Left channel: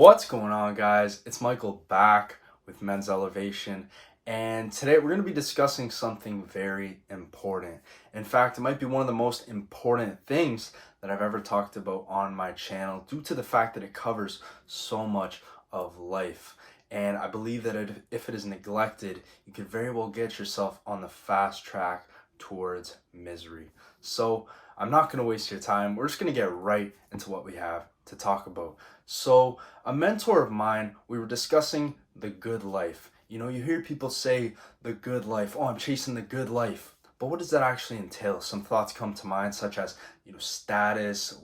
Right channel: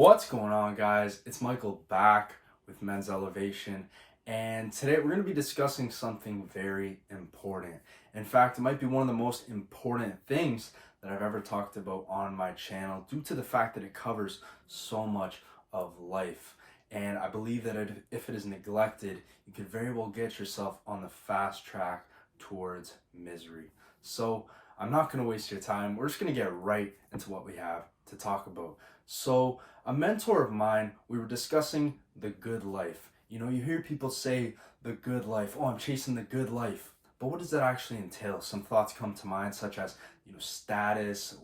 What's going on, guys? It's Michael back with Men's Elevation, and today we're going to be discussing something very important. In fact, it might be one of the most important things that I've ever talked about on my channel due to the fact that it covers so much of life. And I believe that if it is neglected, you could very well get yourself on the fast track towards misery. So I'm not going to waste your time. We're just going to get right into what we have to talk about. So a mentor of mine, we were discussing the good life. You know, you hear people say the good life. Oh, I'm chasing the good life. But what does that actually entail? Some thoughts come to mind, such as, status,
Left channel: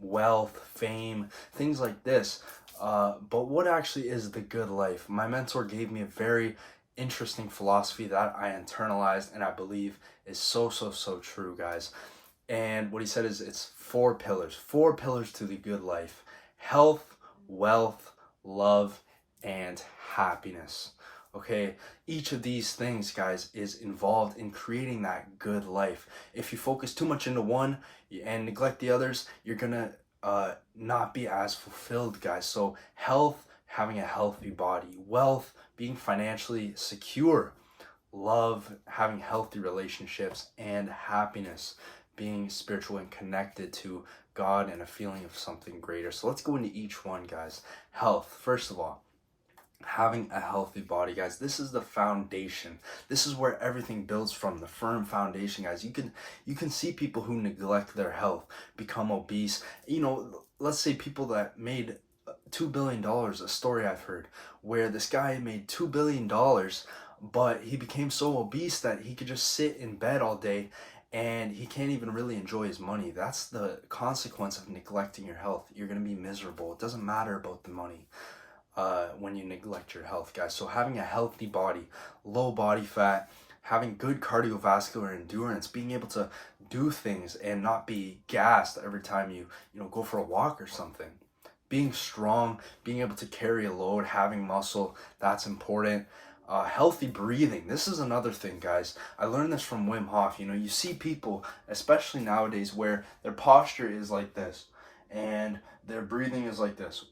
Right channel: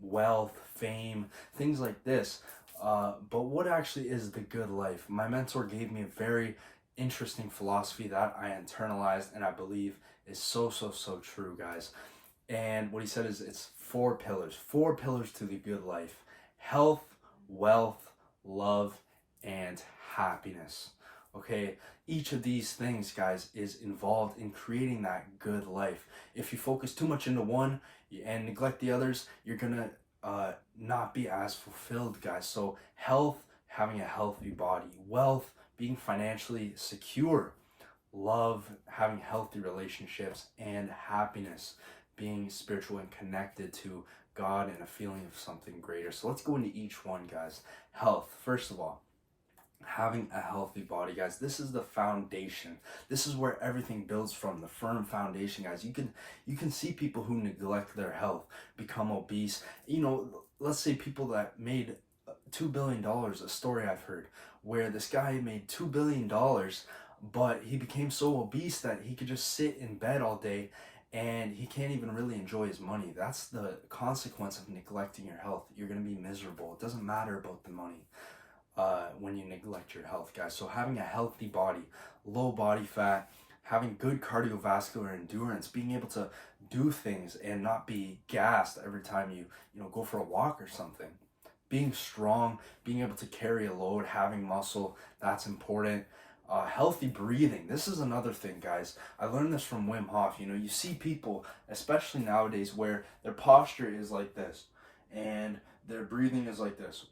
wealth, fame, things like this. But what actually is the good life? My mentor gave me a very interesting philosophy that I internalized and I believe is so true, guys. And what he said is it's four pillars to the good life: health, wealth, love, and happiness. Okay, each of these things, guys, is involved in creating that good life. If you focus too much into one and neglect the others, you're gonna not be as fulfilled, guys. So health, having a healthy body; wealth, being financially secure; love, having healthy relationships; and happiness, being spiritual and connected to God and a feeling of something greater. So let's go into each one, guys. Health, first of all, having a healthy body, guys. This is the foundation. This is where everything builds from, the firm foundation, guys. You can see people who neglect their health become obese. Let's say people that made $2 billion, a story I've heard where this guy made $2 billion, but he became so obese that he could just sit in bed all day and he can't even really enjoy his money. That's the consequence of neglecting your health. You're going to be miserable. It doesn't matter about the money when you neglect your health, guys. So having a healthy body, low body fat, having good cardiovascular endurance, being able to do things and not be gassed every time you go for a walk or something. Being strong, being able to carry a load, having muscle, that's important. Healthy breathing. This is another thing, guys. I learned this from Wim Hof. You see people, especially nowadays, where their posture is like this and their breathing is like this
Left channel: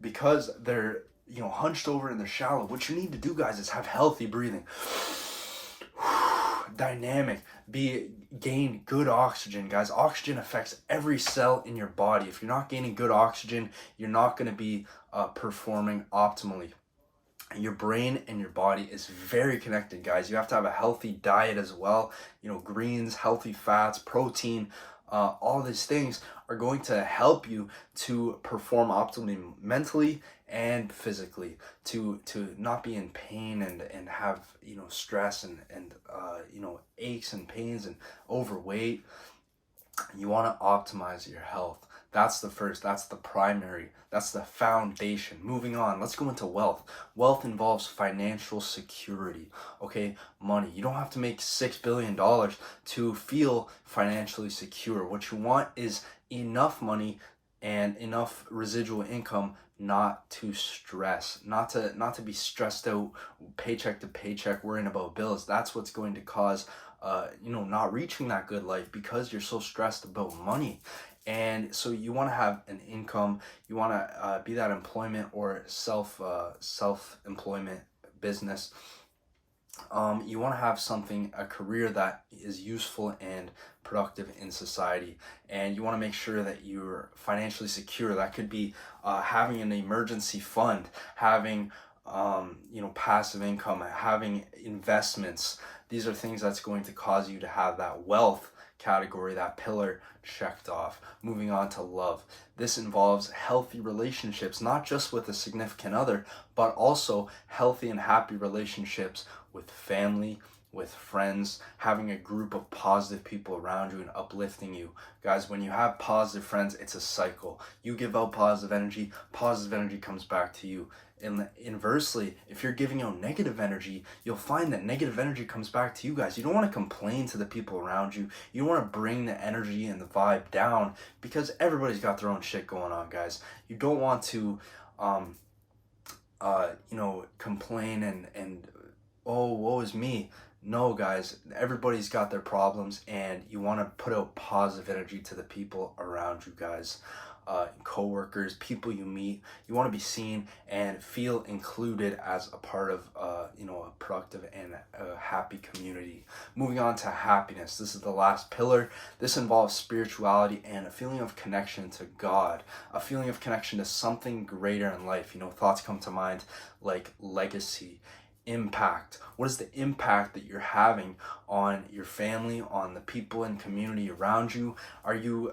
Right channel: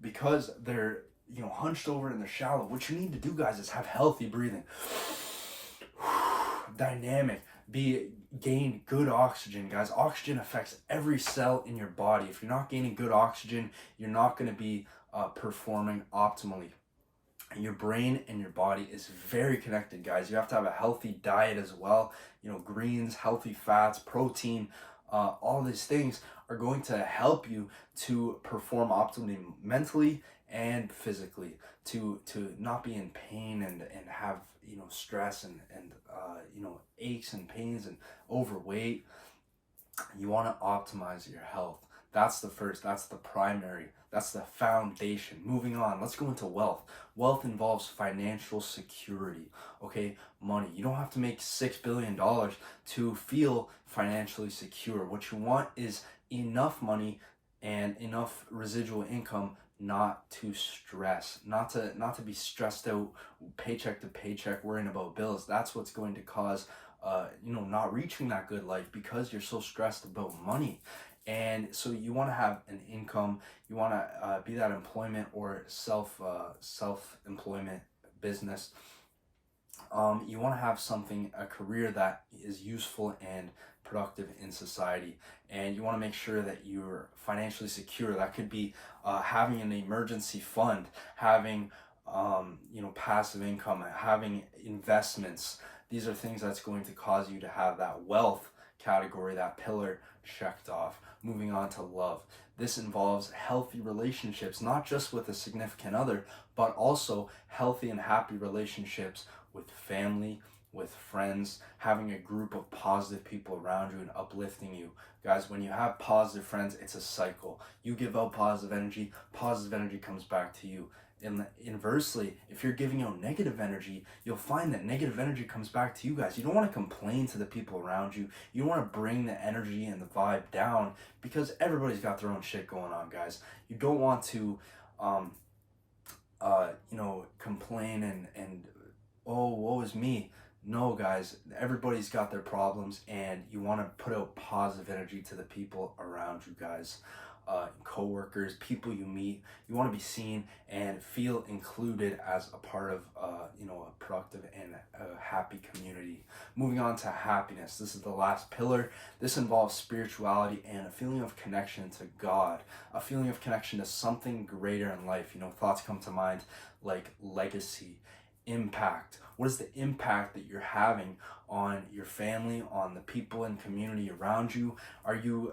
because they're hunched over and they're shallow. What you need to do, guys, is have healthy breathing. Dynamic. Gain good oxygen, guys. Oxygen affects every cell in your body. If you're not gaining good oxygen, you're not going to be performing optimally. Your brain and your body is very connected, guys. You have to have a healthy diet as well. Greens, healthy fats, protein, all these things are going to help you to perform optimally mentally and physically, to not be in pain and have stress and aches and pains and overweight. You want to optimize your health. That's the first, that's the primary, that's the foundation. Moving on, let's go into wealth. Wealth involves financial security, okay? Money. You don't have to make $6 billion to feel financially secure. What you want is enough money and enough residual income not to stress, not to be stressed out paycheck to paycheck, worrying about bills. That's what's going to cause not reaching that good life, because you're so stressed about money. And so you want to have an income. You want to be that employment or self-employment business. You want to have a career that is useful and productive in society, and you want to make sure that you're financially secure. That could be having an emergency fund, having passive income, having investments. These are things that's going to cause you to have that wealth category, that pillar, checked off. Moving on to love. This involves healthy relationships, not just with a significant other, but also healthy and happy relationships with family, with friends, having a group of positive people around you and uplifting you. Guys, when you have positive friends, it's a cycle. You give out positive energy comes back to you. And inversely, if you're giving out negative energy, you'll find that negative energy comes back to you, guys. You don't want to complain to the people around you. You don't want to bring the energy and the vibe down, because everybody's got their own shit going on, guys. You don't want to complain and oh, woe is me. No, guys, everybody's got their problems, and you want to put out positive energy to the people around you, guys. co-workers, people you meet. You want to be seen and feel included as a part of a productive and happy community. Moving on to happiness. This is the last pillar. This involves spirituality and a feeling of connection to God, a feeling of connection to something greater in life. Thoughts come to mind like legacy, impact. What is the impact that you're having on your family, on the people and community around you? Are you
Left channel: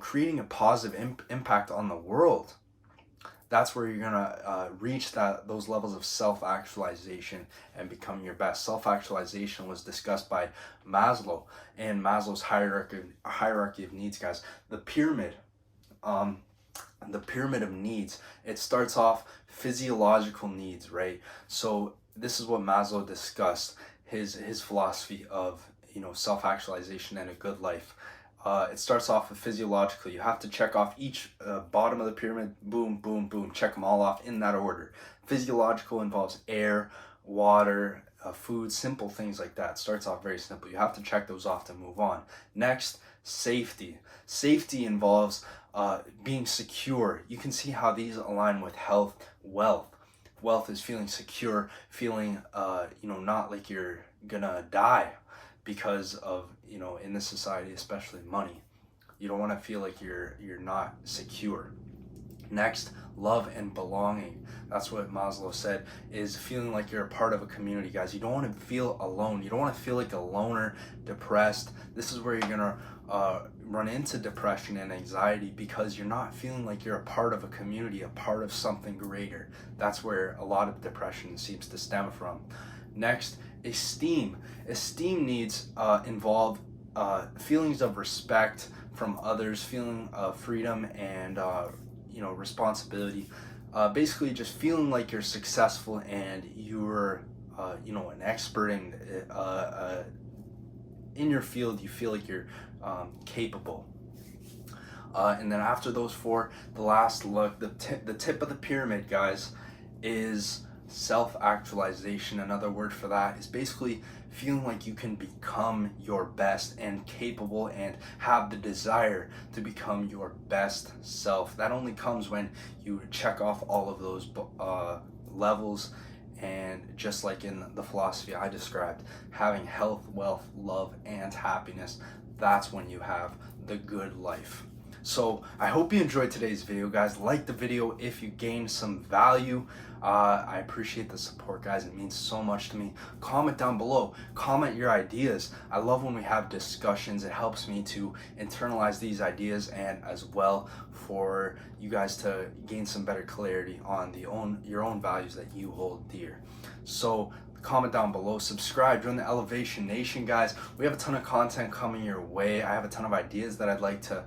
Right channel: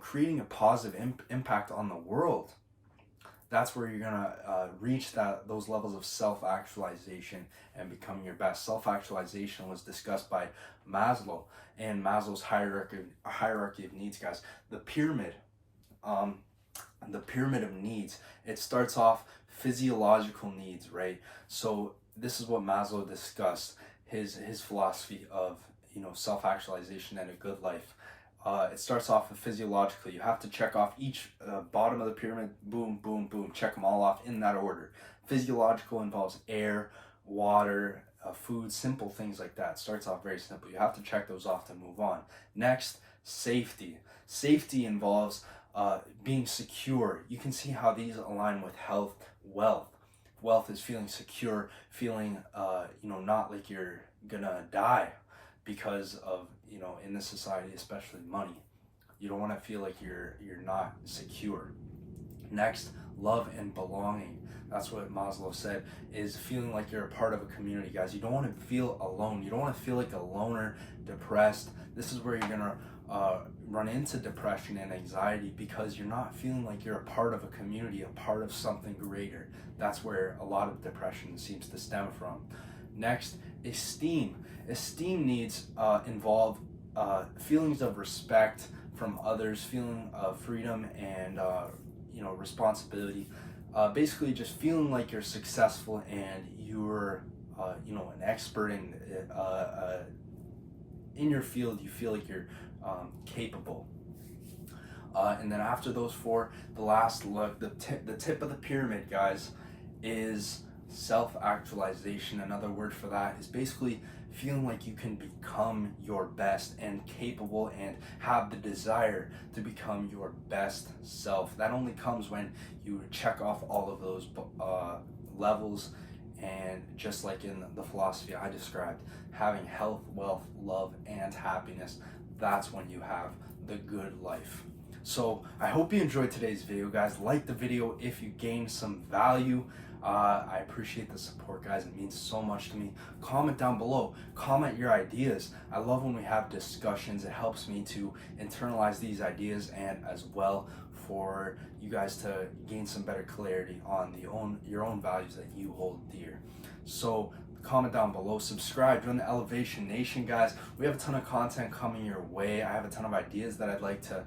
creating a positive impact on the world? That's where you're gonna reach those levels of self-actualization and become your best. Self-actualization was discussed by Maslow in Maslow's hierarchy of needs, guys. The pyramid of needs. It starts off physiological needs, right? So this is what Maslow discussed, his philosophy of self-actualization and a good life. It starts off with physiologically. You have to check off each bottom of the pyramid. Boom, boom, boom. Check them all off in that order. Physiological involves air, water, food, simple things like that. Starts off very simple. You have to check those off to move on. Next, safety. Safety involves being secure. You can see how these align with health, wealth. Wealth is feeling secure, feeling not like you're gonna die because of in this society, especially money. You don't want to feel like you're not secure. Next, love and belonging. That's what Maslow said, is feeling like you're a part of a community, guys. You don't want to feel alone. You don't want to feel like a loner, depressed. This is where you're gonna run into depression and anxiety, because you're not feeling like you're a part of a community, a part of something greater. That's where a lot of depression seems to stem from. Next, esteem. Esteem needs involve feelings of respect from others, feeling of freedom and responsibility. Basically, just feeling like you're successful and you're an expert in your field. You feel like you're capable. And then after those four, the last look, the tip of the pyramid, guys, is self-actualization. Another word for that is basically feeling like you can become your best and capable and have the desire to become your best self. That only comes when you check off all of those levels. And just like in the philosophy I described, having health, wealth, love, and happiness, that's when you have the good life. So I hope you enjoyed today's video, guys. Like the video if you gained some value. I appreciate the support, guys. It means so much to me. Comment down below. Comment your ideas. I love when we have discussions. It helps me to internalize these ideas, and as well for you guys to gain some better clarity on your own values that you hold dear. So comment down below, subscribe, join the Elevation Nation, guys. We have a ton of content coming your way. I have a ton of ideas that I'd like to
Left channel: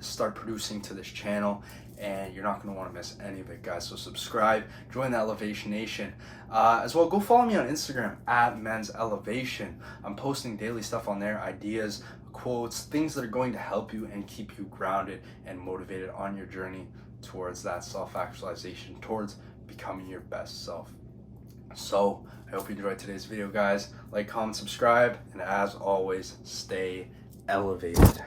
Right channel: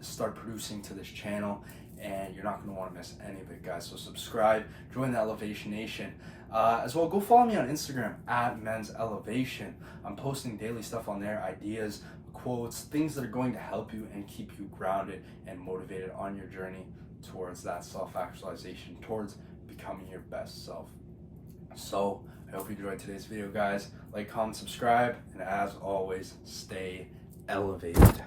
start producing to this channel, and you're not going to want to miss any of it, guys. So subscribe, join the Elevation Nation. As well, go follow me on Instagram at Men's Elevation. I'm posting daily stuff on there, ideas, quotes, things that are going to help you and keep you grounded and motivated on your journey towards that self-actualization, towards becoming your best self. So I hope you enjoyed today's video, guys. Like, comment, subscribe, and as always, stay elevated.